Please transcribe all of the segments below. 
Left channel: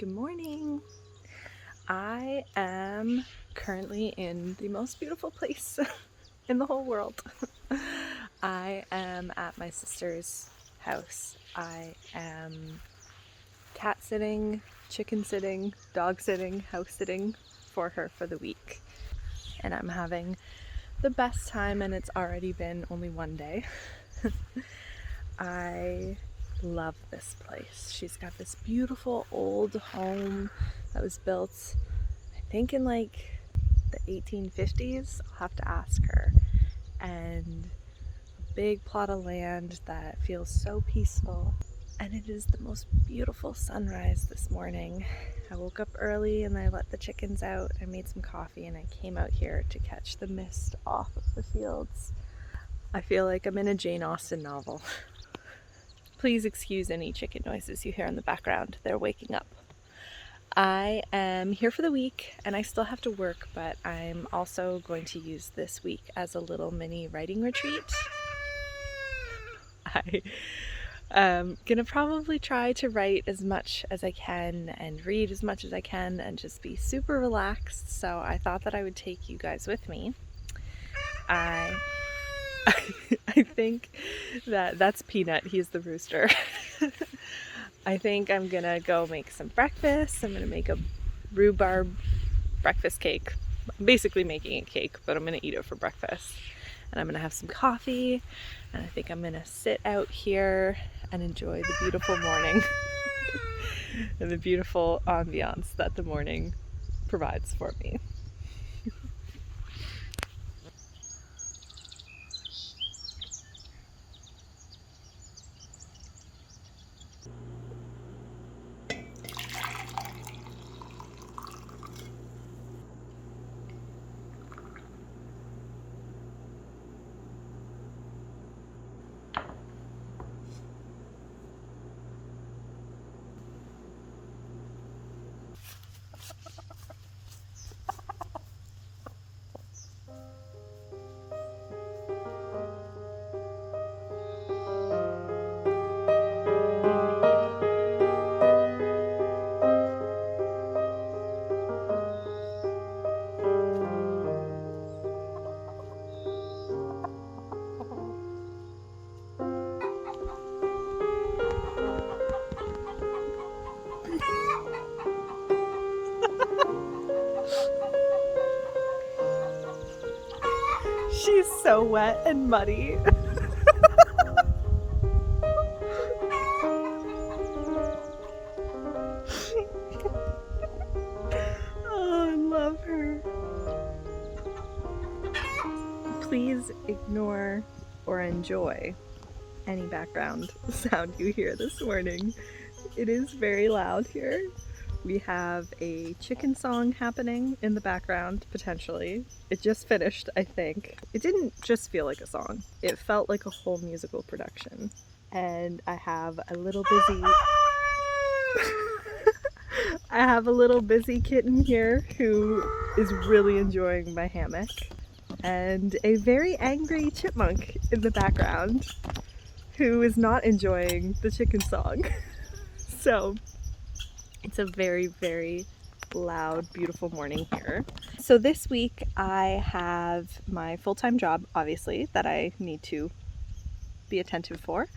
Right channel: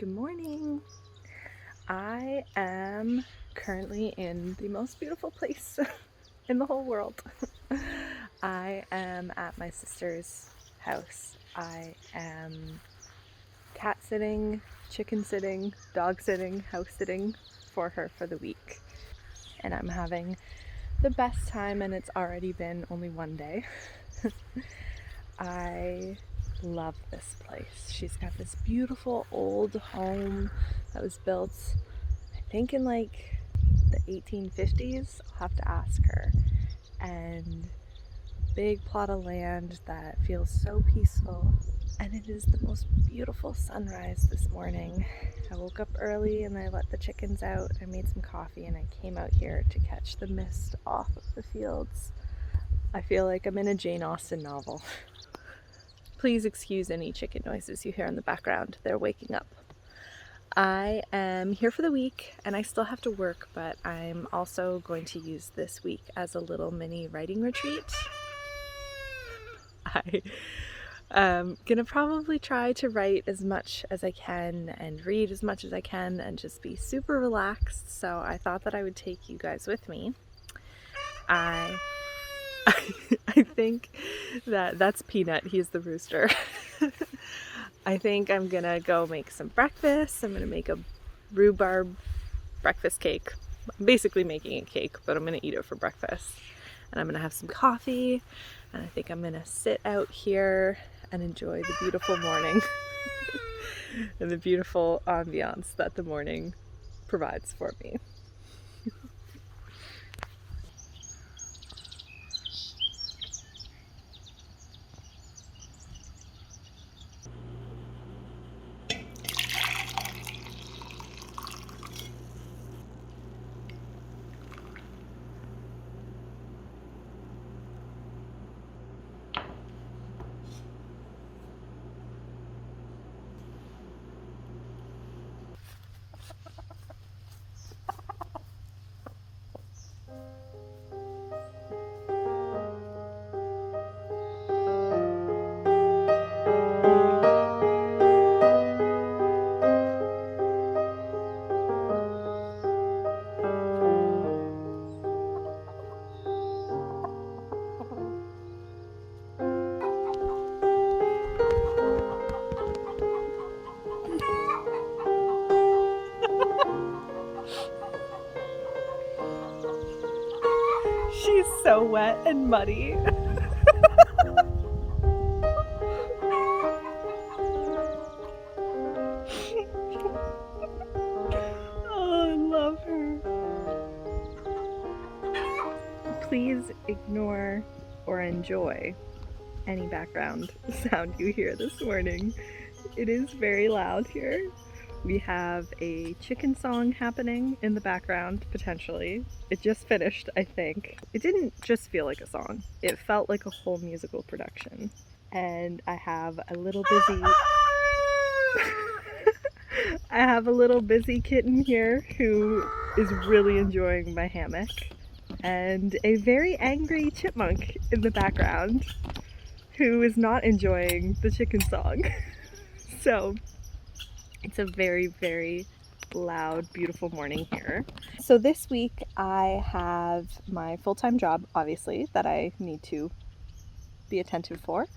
Good morning. I am currently in the most beautiful place in the whole world. I am at my sister's house. I am cat sitting, chicken sitting, dog sitting, house sitting for her for the week. And I'm having the best time, and it's already been only one day. I love this place. She's got this beautiful old home that was built, I think, in like the 1850s. I'll have to ask her. And a big plot of land that feels so peaceful. And it is the most beautiful sunrise this morning. I woke up early and I let the chickens out. I made some coffee and I came out here to catch the mist off of the fields. I feel like I'm in a Jane Austen novel. Please excuse any chicken noises you hear in the background. They're waking up. I am here for the week and I still have to work, but I'm also going to use this week as a little mini writing retreat. I am gonna probably try to write as much as I can and read as much as I can and just be super relaxed. So I thought that I would take you guys with me. I think that's Peanut. He's the rooster. I think I'm gonna go make some breakfast. I'm gonna make a rhubarb breakfast cake. I'm basically making a cake, but I'm gonna eat it for breakfast. And I'm gonna have some coffee, and I think I'm gonna sit out here and enjoy the beautiful morning and the beautiful ambiance that the morning provides for me. She's so wet and muddy. Oh, I love her. Please ignore or enjoy any background sound you hear this morning. It is very loud here. We have a chicken song happening in the background, potentially. It just finished, I think. It didn't just feel like a song. It felt like a whole musical production. And I have a little busy... I have a little busy kitten here who is really enjoying my hammock. And a very angry chipmunk in the background who is not enjoying the chicken song. So it's a very, very loud, beautiful morning here. So this week I have my full-time job, obviously, that I need to be attentive for.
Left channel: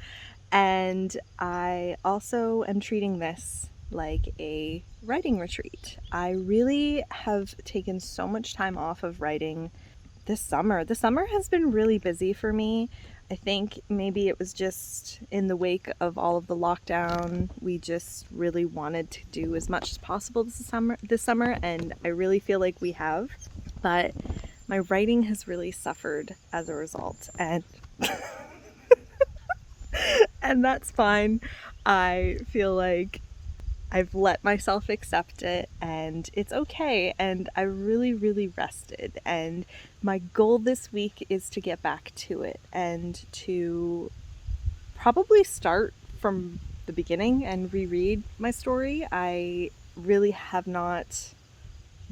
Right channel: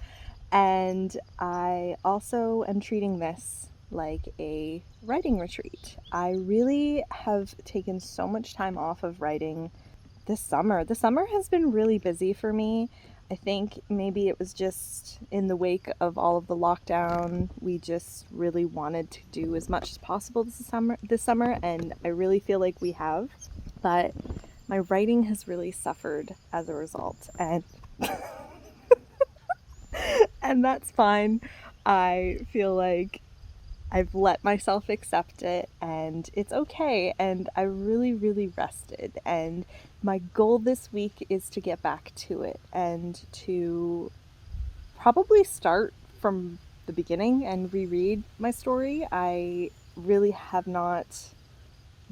And I also am treating this like a writing retreat. I really have taken so much time off of writing this summer. The summer has been really busy for me. I think maybe it was just in the wake of all of the lockdown, we just really wanted to do as much as possible this summer, and I really feel like we have. But my writing has really suffered as a result, and and that's fine. I feel like I've let myself accept it and it's okay, and I really, really rested, and my goal this week is to get back to it and to probably start from the beginning and reread my story. I really have not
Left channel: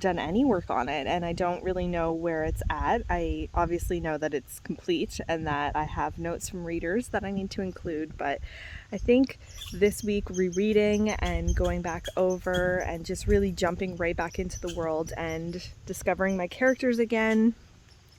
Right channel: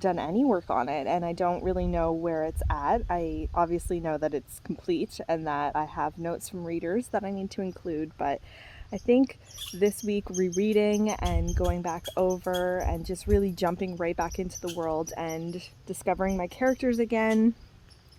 done any work on it, and I don't really know where it's at. I obviously know that it's complete and that I have notes from readers that I need to include, but I think this week rereading and going back over and just really jumping right back into the world and discovering my characters again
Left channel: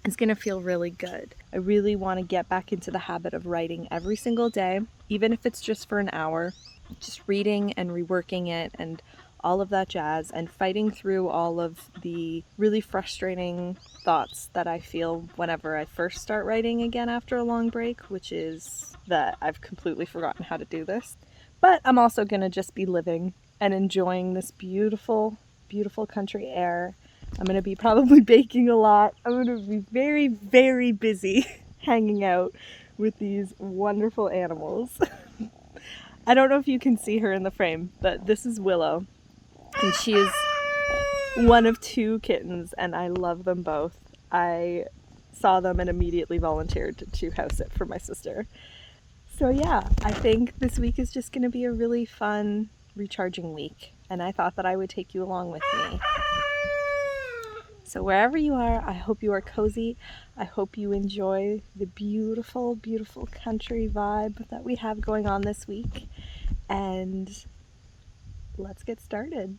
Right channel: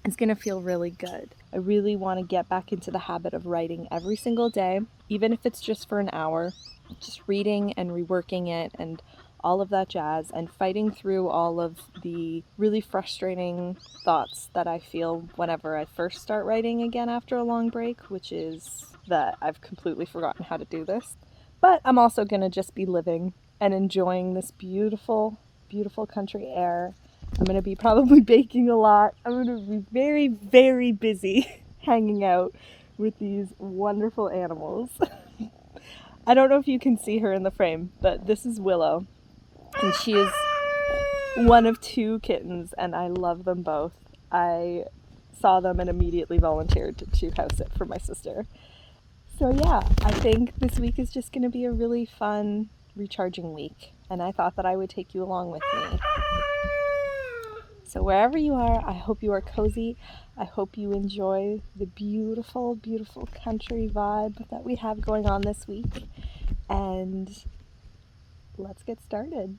is going to feel really good. I really want to get back into the habit of writing every single day, even if it's just for an hour, just reading and reworking it and all of that jazz, and fighting through all of the really frustrating thoughts that I feel whenever I first start writing again after a long break, which is that I've completely forgotten how to do this. But I'm also going to just be living and enjoying this beautiful, beautiful country air. I'm going to be probably baking a lot. I'm going to be very, very busy hanging out with these wonderful animals. I don't know if you can see her in the frame, but this is Willow. And she is one of 2 kittens, and I love them both. I saw them and immediately volunteered to house sit for my sister. So yeah, I think this week is just going to be a really fun, recharging week, and I thought that I would take you along with me. So wherever you are, I hope you are cozy. I hope you enjoy the beautiful, beautiful country vibe that we have going on this week. And let's get started.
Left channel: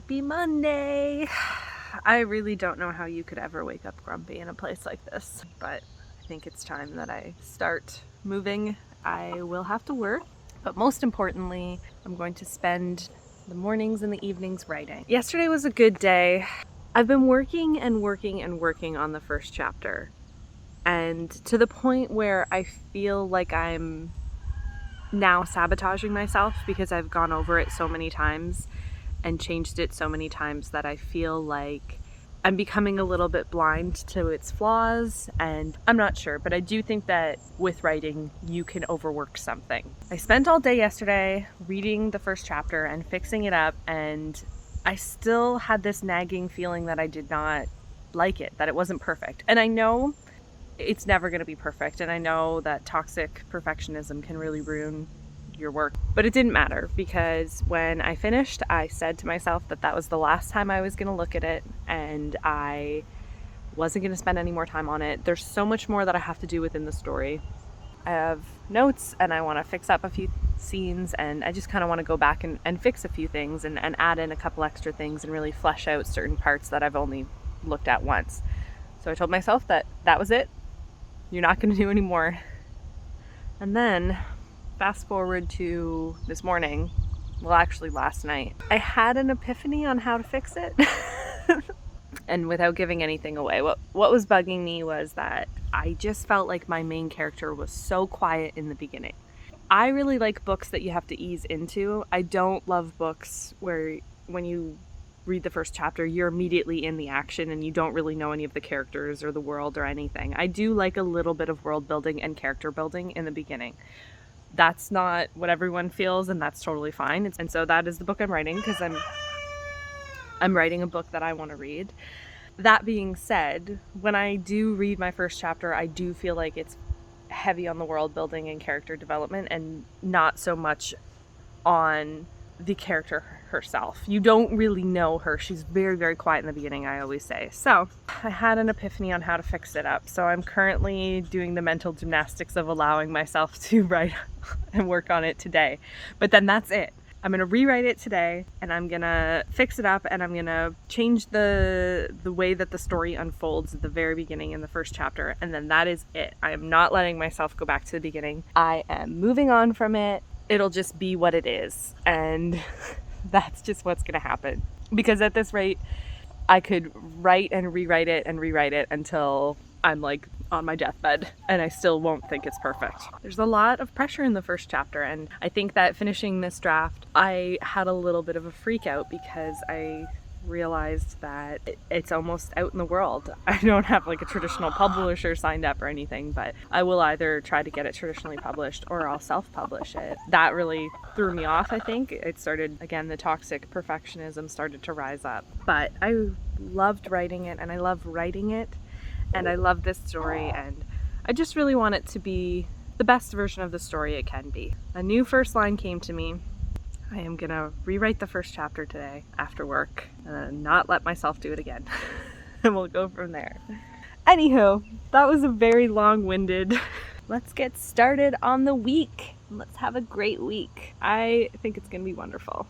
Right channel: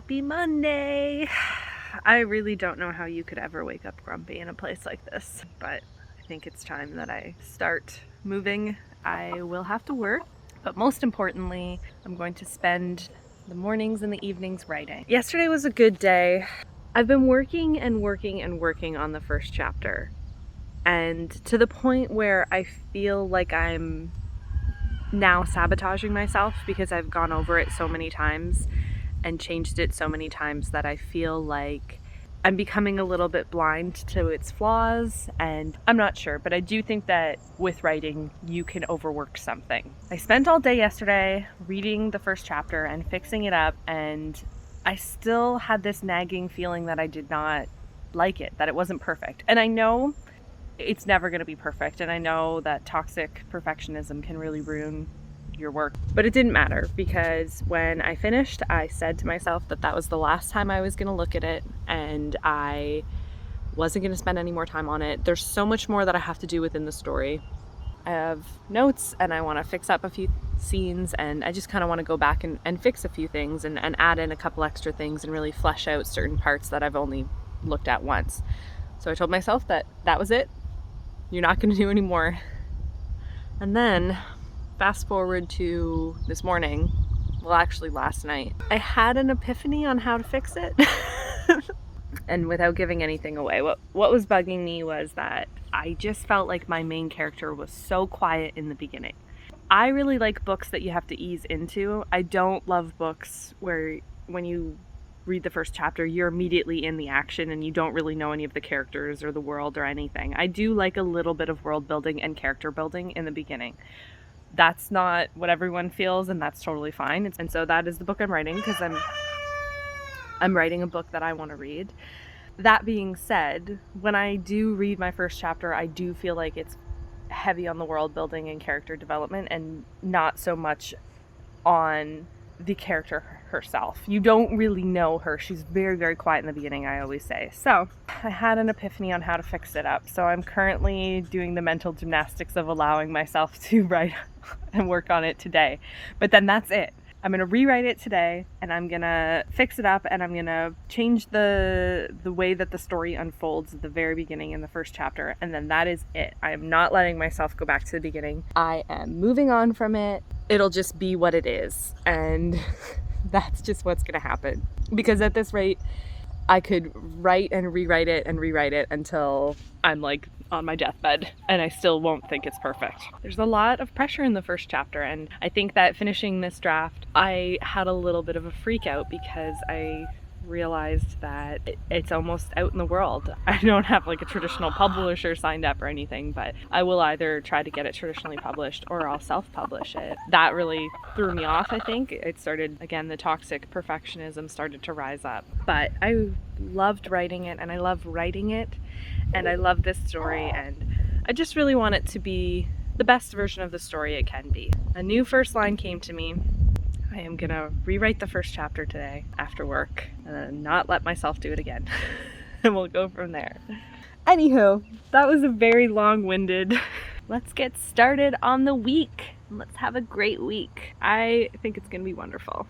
Happy Monday! I really don't know how you could ever wake up grumpy in a place like this, but I think it's time that I start moving. I will have to work, but most importantly, I'm going to spend the mornings and the evenings writing. Yesterday was a good day. I've been working and working and working on the first chapter, and to the point where I feel like I'm now sabotaging myself because I've gone over it so many times and changed it so many times that I feel like I'm becoming a little bit blind to its flaws, and I'm not sure, but I do think that with writing, you can overwork something. I spent all day yesterday reading the first chapter and fixing it up, and I still had this nagging feeling that I did not like it, that it wasn't perfect. And I know it's never going to be perfect, and I know that toxic perfectionism can really ruin your work, but it didn't matter because when I finished, I said to myself that that was the last time I was going to look at it, and I wasn't going to spend any more time on it. There's so much more that I have to do within the story. I have notes and I want to fix up a few scenes, and I just kind of want to go back and fix a few things and add in a couple extra things and really flesh out certain parts that I've only looked at once. So I told myself that that was it. You're not going to do any more. And then fast forward to this morning, well, actually last night, I had an epiphany on how to fix it. And without giving anything away, what was bugging me was that I just felt like my main character was so quiet in the beginning. I really like books that you have to ease into. I don't love books where when you read the first chapter, you're immediately in the action and you don't really know any of the characters or the world or anything. I do like a little bit of world building and character building in the beginning. That's not what everyone feels, and that's totally fine. And so that is the book I'm writing, because I'm writing a book that I want to read. That being said, when I do read my first chapter, I do feel like it's heavy on the world building and character development and not so much on the character herself. You don't really know her. She's very, very quiet in the beginning, I always say. So I had an epiphany on how to fix it up. So I'm currently doing the mental gymnastics of allowing myself to write and work on it today. But then that's it. I'm going to rewrite it today, and I'm going to fix it up, and I'm going to change the way that the story unfolds at the very beginning in the first chapter, and then that is it. I am not letting myself go back to the beginning. I am moving on from it. It'll just be what it is, and that's just what's going to happen. Because at this rate, I could write and rewrite it until I'm like on my deathbed, and I still won't think it's perfect. There's a lot of pressure in the first chapter, and I think that finishing this draft, I had a little bit of a freak out because I realized that it's almost out in the world. I don't have like a traditional publisher signed up or anything, but I will either try to get it traditionally published or I'll self-publish it. That really threw me off, I think. It started, again, the toxic perfectionism started to rise up. But I loved writing it, and I love writing it, and I love this story, and I just really want it to be the best version of the story it can be. A new first line came to me. I am gonna rewrite the first chapter today after work and then not let myself do it again. And we'll go from there. Anywho, that was a very long-winded. Let's get started on the week. Let's have a great week. I think it's gonna be wonderful.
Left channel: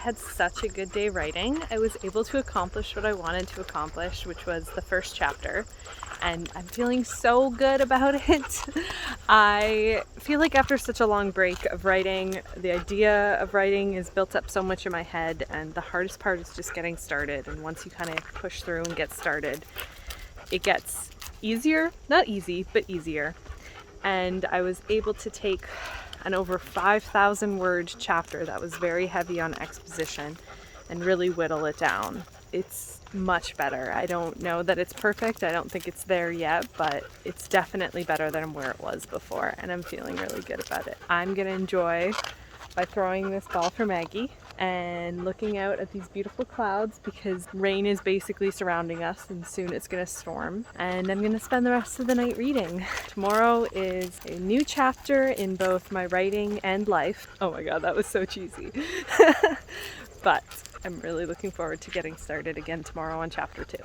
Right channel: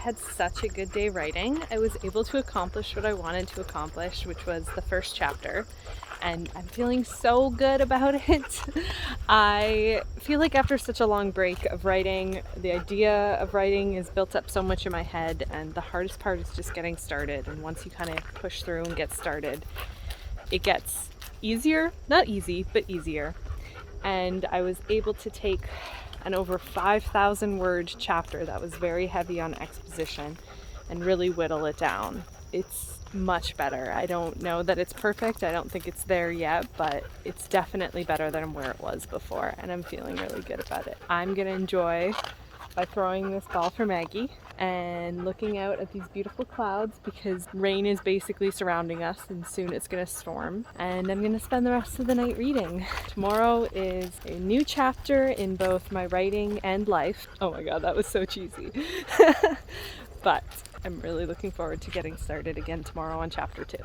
had such a good day writing. I was able to accomplish what I wanted to accomplish, which was the first chapter, and I'm feeling so good about it. I feel like after such a long break of writing, the idea of writing is built up so much in my head, and the hardest part is just getting started. And once you kind of push through and get started, it gets easier, not easy, but easier. And I was able to take an over 5,000 word chapter that was very heavy on exposition and really whittle it down. It's much better. I don't know that it's perfect. I don't think it's there yet, but it's definitely better than where it was before, and I'm feeling really good about it. I'm gonna enjoy by throwing this ball for Maggie and looking out at these beautiful clouds, because rain is basically surrounding us and soon it's gonna storm. And I'm gonna spend the rest of the night reading. Tomorrow is a new chapter in both my writing and life. Oh my god, that was so cheesy. But I'm really looking forward to getting started again tomorrow on chapter 2.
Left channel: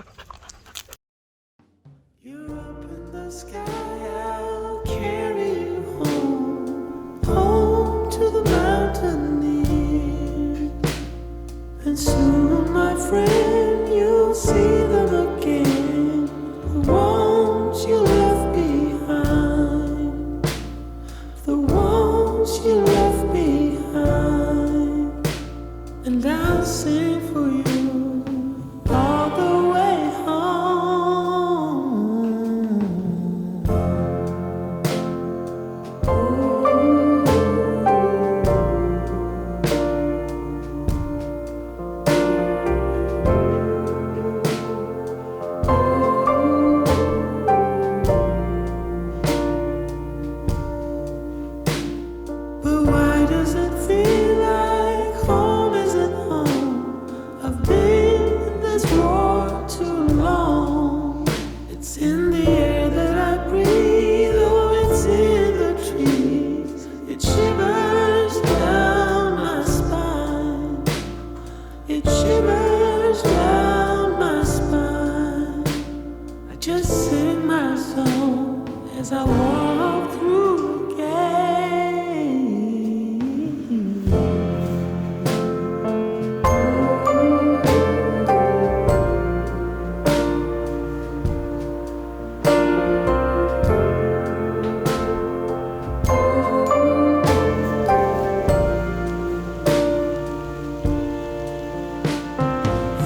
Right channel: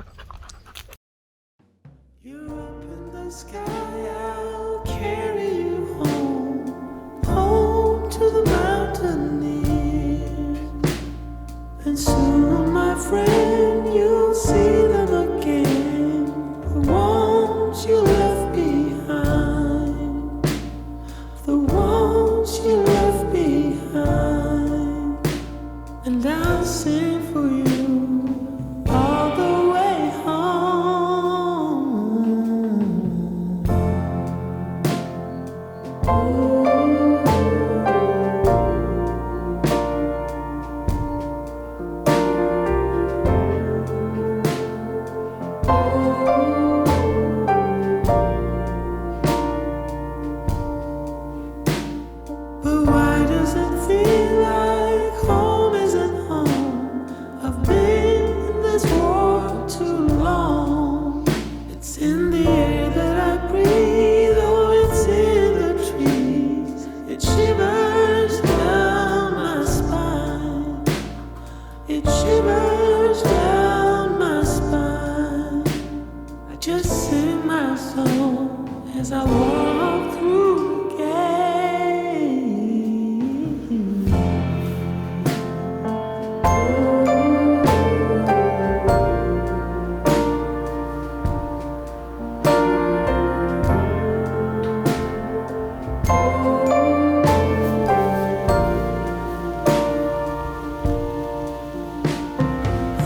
You're up in the sky, I'll carry you home, home to the mountaineer. And soon, my friend, you'll see them again, the ones you left behind, the ones you left behind. And I'll sing for you all the way home. But why does it feel like home isn't home? I've been in this war too long. It's in the air that I breathe, oh, it's in the trees. It shivers down my spine. It shivers down my spine. I just sing my song as I walk through the gate.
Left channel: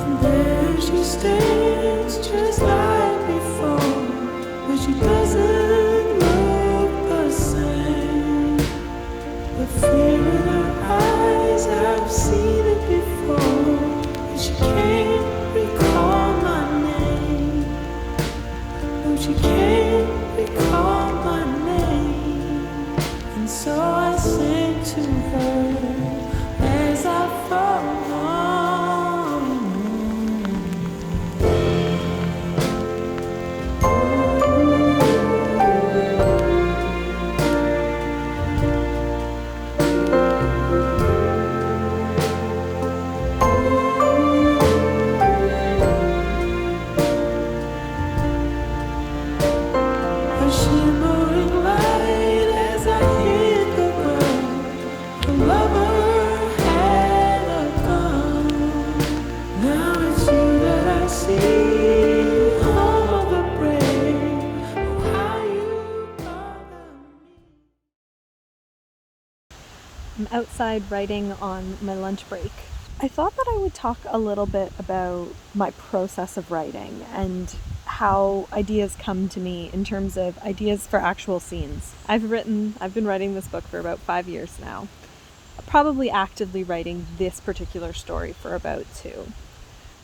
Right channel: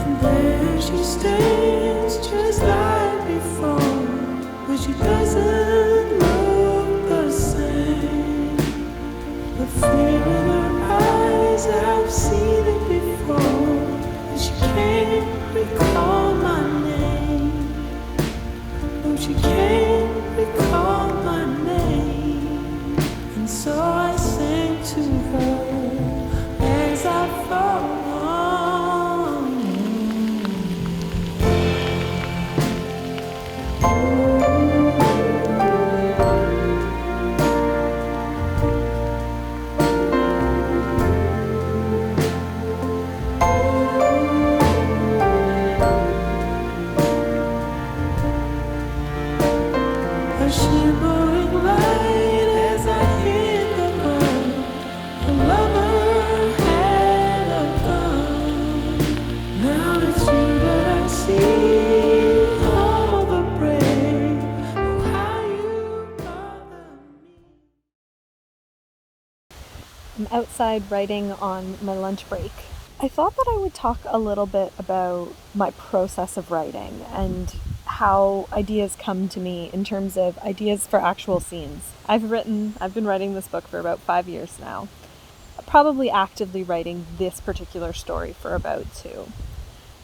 And there she stands just like before, but she doesn't look the same. The fear in her eyes, I've seen it before, and she can't recall my name. No, she can't recall my name. And so I sing to her as I fall on. A shimmering light as I hit the ground. A lover had a gun. Now it's you that I see, home of the brave. Oh, how you bother me. I'm outside writing on my lunch break. I thought that I would talk a little bit about my process of writing and how ideas come to me in terms of ideas for actual scenes. I've been writing this book for about 5 years now, probably actively writing this particular story for about 2.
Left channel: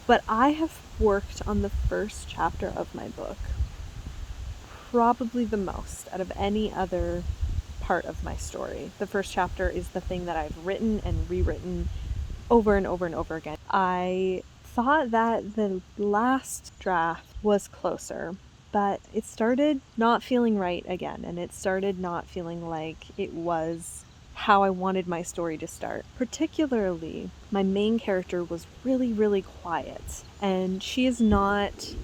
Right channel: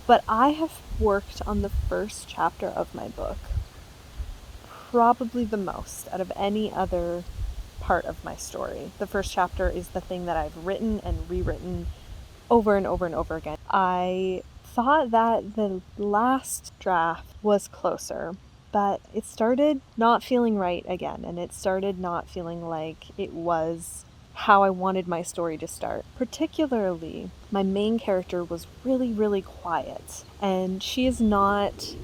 But I have worked on the first chapter of my book probably the most out of any other part of my story. The first chapter is the thing that I've written and rewritten over and over and over again. I thought that the last draft was closer, but it started not feeling right again, and it started not feeling like it was how I wanted my story to start. Particularly, my main character was really, really quiet, and she is not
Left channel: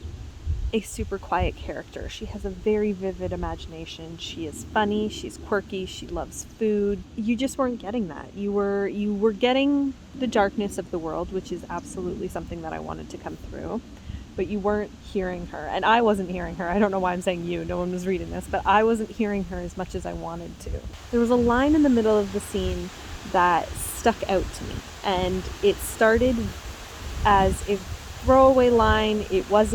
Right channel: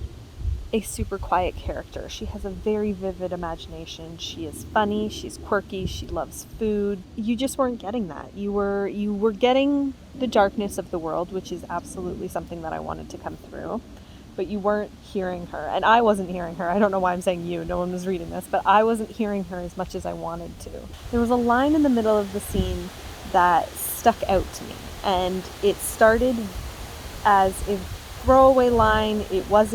a super quiet character. She has a very vivid imagination. She is funny, she's quirky, she loves food. You just weren't getting that. You were getting the darkness of the world, which is absolutely something that I wanted to come through. But you weren't hearing her, and I wasn't hearing her. I don't know why I'm saying you, no one was reading this, but I wasn't hearing her as much as I wanted to. There was a line in the middle of the scene that stuck out to me, and it started as a throwaway line. It was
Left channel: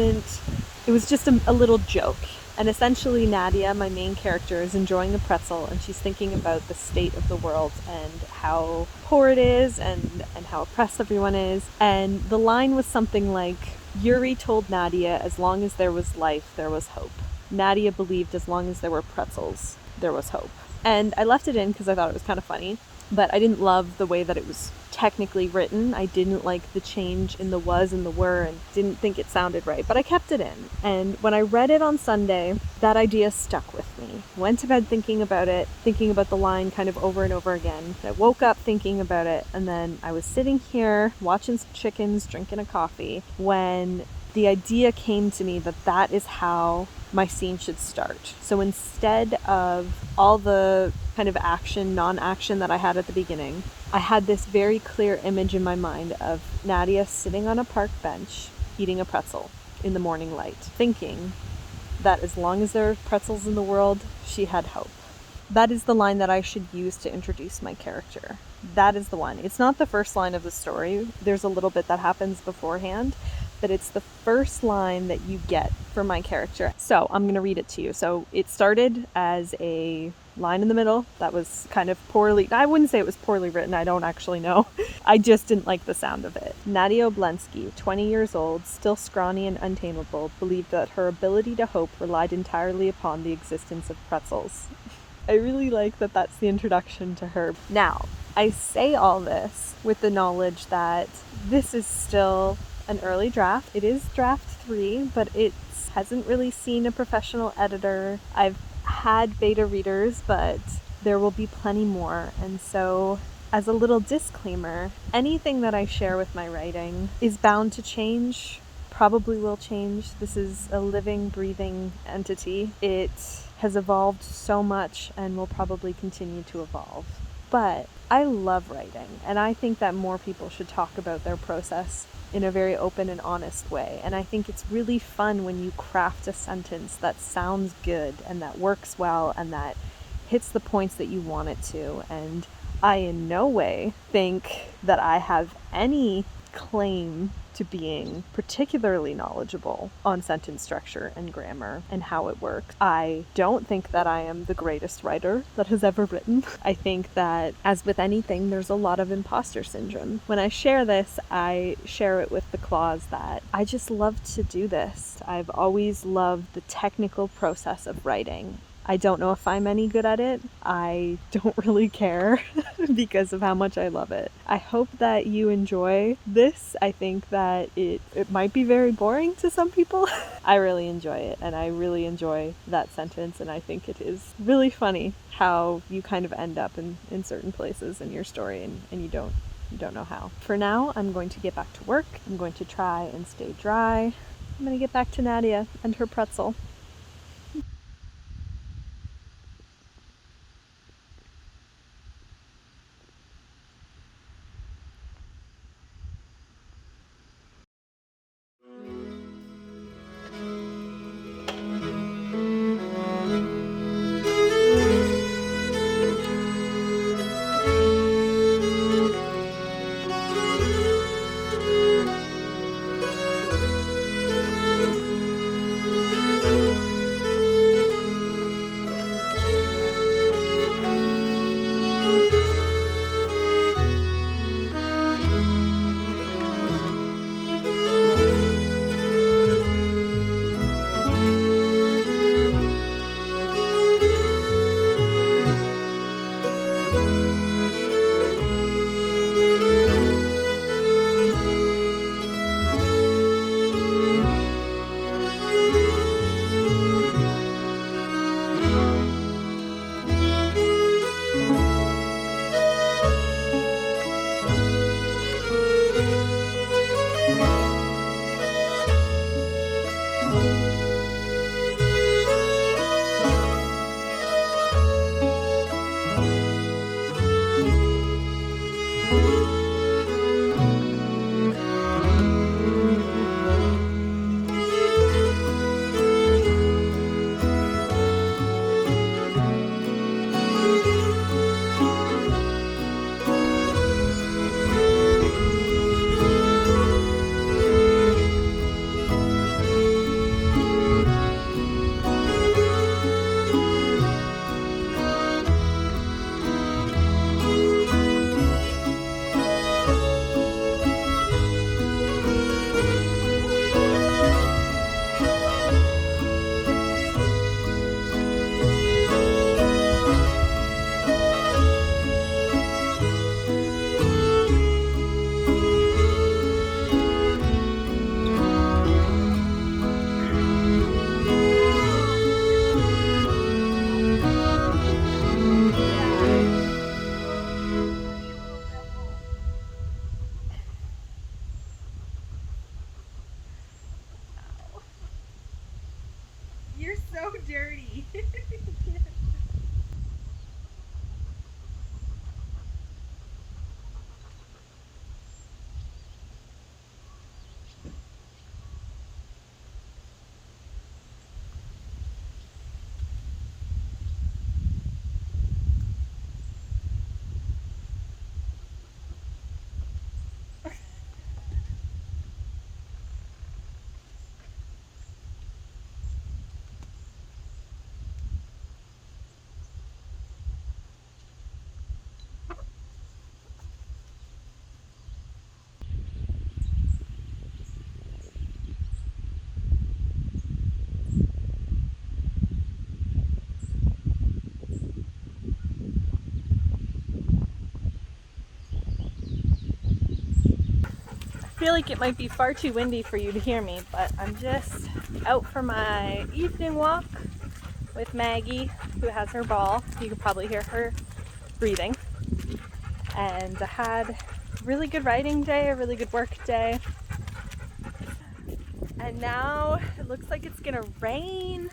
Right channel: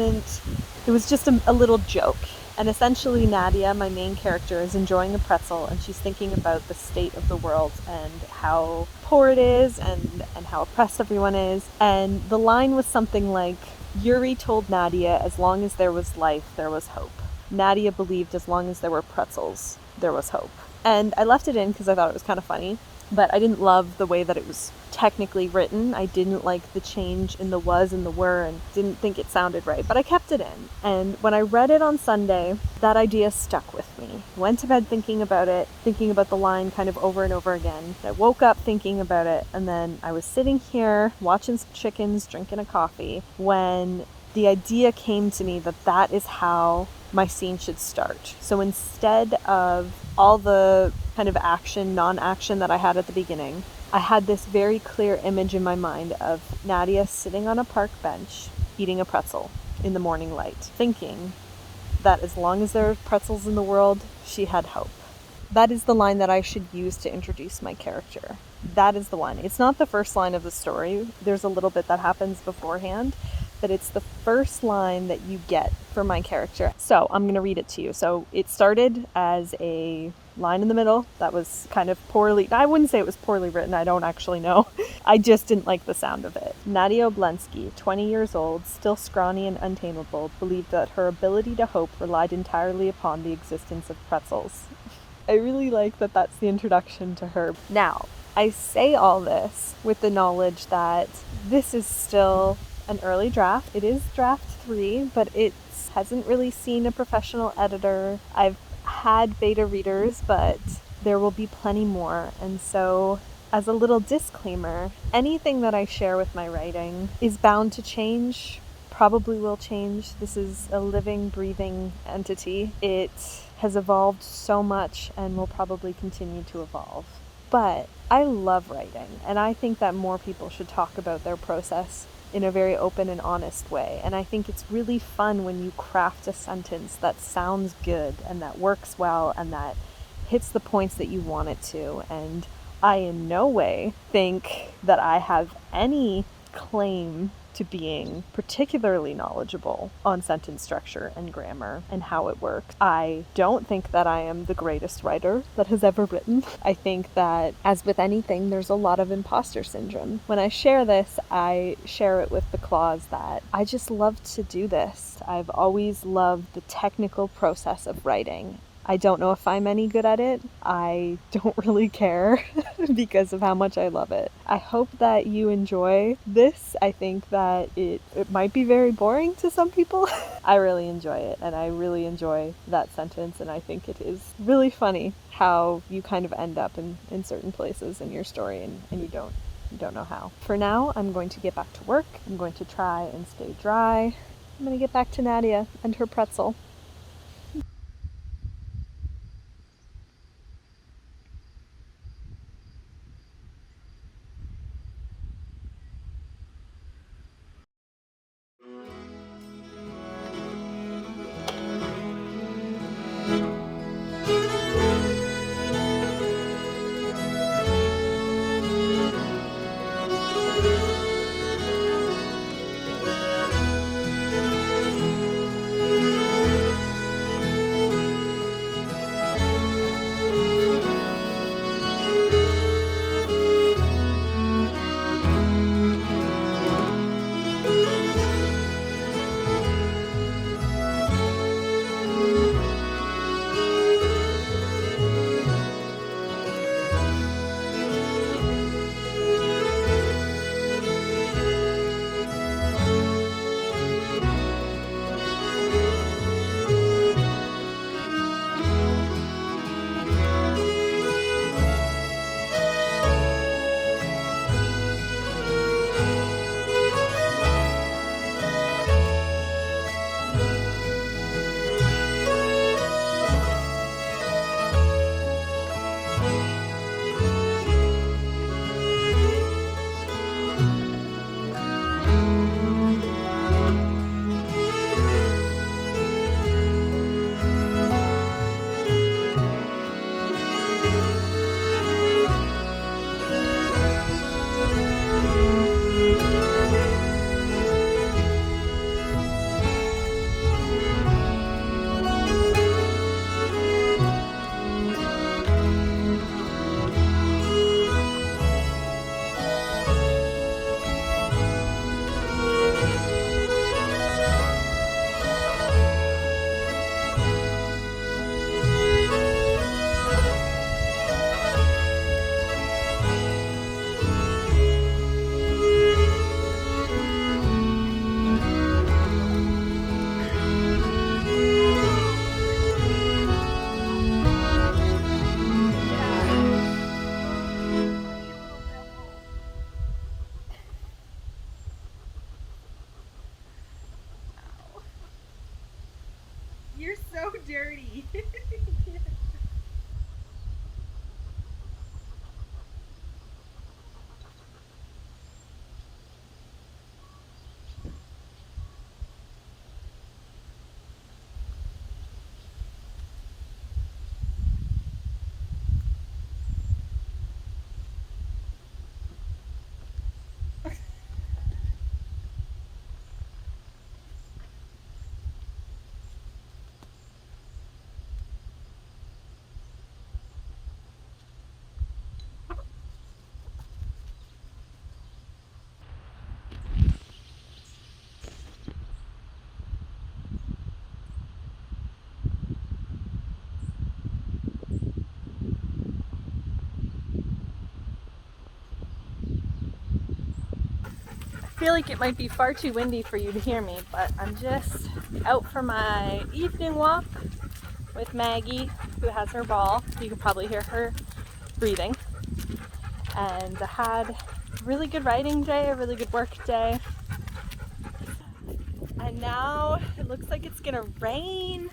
just a little joke. And essentially Nadia, my main character, is enjoying a pretzel, and she's thinking about the state of the world and how poor it is and how oppressed everyone is. And the line was something like, Yuri told Nadia as long as there was life, there was hope. Nadia believed as long as there were pretzels, there was hope. And I left it in because I thought it was kind of funny, but I didn't love the way that it was technically written. I didn't like the change in the was and the were, and didn't think it sounded right, but I kept it in. And when I read it on Sunday, that idea stuck with me. I went to bed thinking about it, thinking about the line kind of over and over again. I woke up thinking about it, and then I was sitting here watching some chickens, drinking a coffee, when the idea came to me that that is how my scene should start. So instead of all the kind of action, non-action that I had at the beginning, I had this very clear image in my mind of Nadia sitting on a park bench eating a pretzel in the morning light, thinking that as long as there are pretzels in the world, she had hope. That is the line that I should use to introduce my character. That is the one. It's not the first line of the story. There's a little bit that happens beforehand, but it's the first line that you get for my character. So I'm going to read it to you. So it started as a line in the middle that was kind of poorly, I wouldn't say it was poorly written, I don't actually know. I just didn't like the sound of it. Nadia Oblensky, 20 years old, still scrawny and untamable, believed that her ability to hope relied entirely upon the existence of pretzels. I really like that that's the introduction to her. Now, I say all this with the knowledge that this is still an early draft. It is draft 3, but it hasn't really seen a professional editor. I've had beta readers, but there will be plenty more. And so, as a little disclaimer, anything that I share with my writing is bound to change, probably will change. This is a living, breathing entity. It has evolved so much and will probably continue to evolve. But I love writing, and I think that more people should talk about their process in a very open and honest way. And I think it's really fun when you craft a sentence that sounds good and that works well and that hits the points that you want it to. And I in no way think that I have any claim to being particularly knowledgeable on sentence structure and grammar and how it works. I don't think that I am the greatest writer that has ever written. I think that, as with anything, there's a lot of imposter syndrome. When I share this, I share it with the clause that I just love to do this. I've always loved the technical process of writing. I don't know if I'm any good at it. I don't really care because of how much I love it. I hope that you enjoy this. I think that it might be very boring to some people. I really enjoy it, and I really enjoy that sentence, and I think it is really funny how you kind of end up in certain places in your story and you don't know how. For now, I'm going to get back to work. I'm going to try and stay dry. I'm going to get back to Nadia and her pretzel. You're so dirty. I feel like it might be far too windy for you to hear me, but I'm just out for my evening walk with Maggie, who has her ball. You can probably hear her breathing. And I had a really good writing day, a really good work day. And now it looks like it's gonna rain.